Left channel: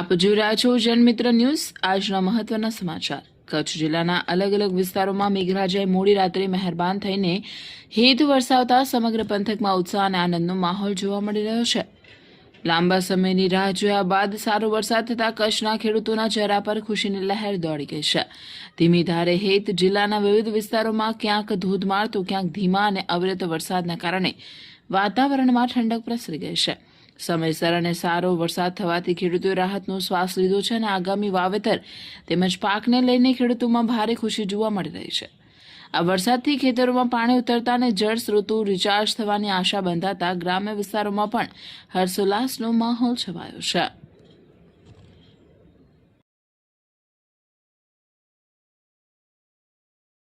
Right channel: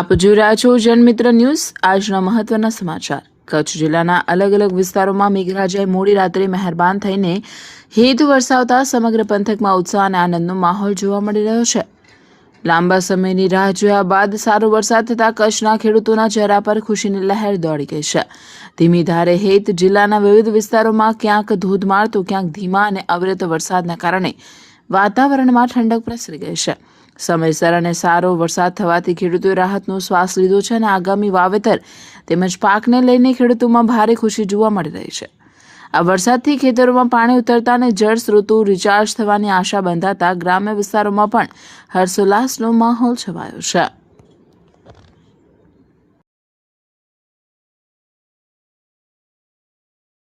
આપ જોઈ રહ્યા છો જનમિત્ર ન્યૂઝ। આજના મહત્વના સમાચાર। કચ્છ જિલ્લાના અલગ અલગ વિસ્તારોમાં મેઘરાજાએ મોડી રાત્રે મહેરબાન થઈને હેત વરસાવતા સમગ્ર પંથકમાં ઉત્સાહ અને આનંદનો માહોલ જોવા મળી રહ્યો છે। લાંબા સમયની રાહ જોયા બાદ સારો વરસાદ થતાં કચ્છના ખેડૂતોના ચહેરા પર ખુશીની લહેર દોડી ગઈ છે। ધીમી ધારે હેત જિલ્લાના વિવિધ વિસ્તારોમાં ક્યાંક ધોધમાર તો ક્યાંક ધીમા અને અવિરત વરસાદના કારણે વાતાવરણમાં ઠંડક પ્રસરી ગઈ છે। સમયસર અને સારો વરસાદ થવાથી ખેડૂતોએ રાહતનો શ્વાસ લીધો છે અને આગામી વાવેતર તેમજ પાકને લઈને ખેડૂતોમાં ભારે ખુશી જોવા મળી રહી છે। આ વરસાદથી ખેતરોમાં પાણી ઉતરતા અને જળ સ્ત્રોતો રિચાર્જ થવાની આશા બંધાતા ગ્રામ્ય વિસ્તારોમાં પણ હર્ષોલ્લાસનો માહોલ છવાયો છે।